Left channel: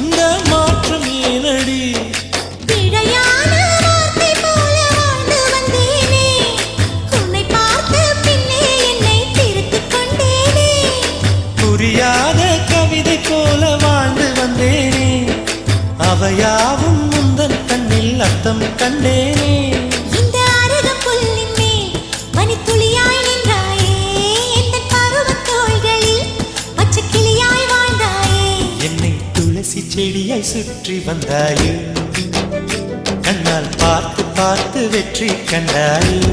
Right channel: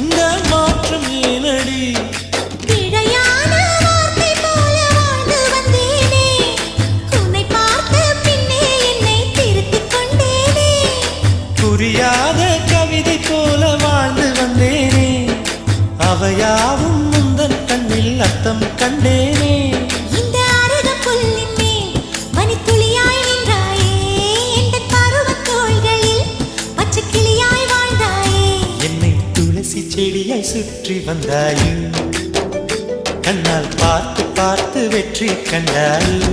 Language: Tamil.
இந்த மாற்றம் ஏனடி? பிழையான வார்த்தை போல வாழ்ந்து வந்தேனே, உன்னை பார்த்த பின்னே என்னை திருத்திக் கொண்டேனே. புரியாத கவிதை போல வாழ்ந்து வந்தேனே, அவையாவும் முந்தன் கண்ணில் அர்த்தம் கண்டேனே. இந்த அருகம் புல்லின் மேல் மணித்துளியாய் நின்றாயே, எந்த பருவத் தோள்களில் பச்சை கிளியாய் வாழ்ந்தாயே. என்னை துளசி செடியாய் சுற்றி வந்தாயோ, கண்ணால் பார்த்து பார்த்து வெற்றி கண்டாயோ.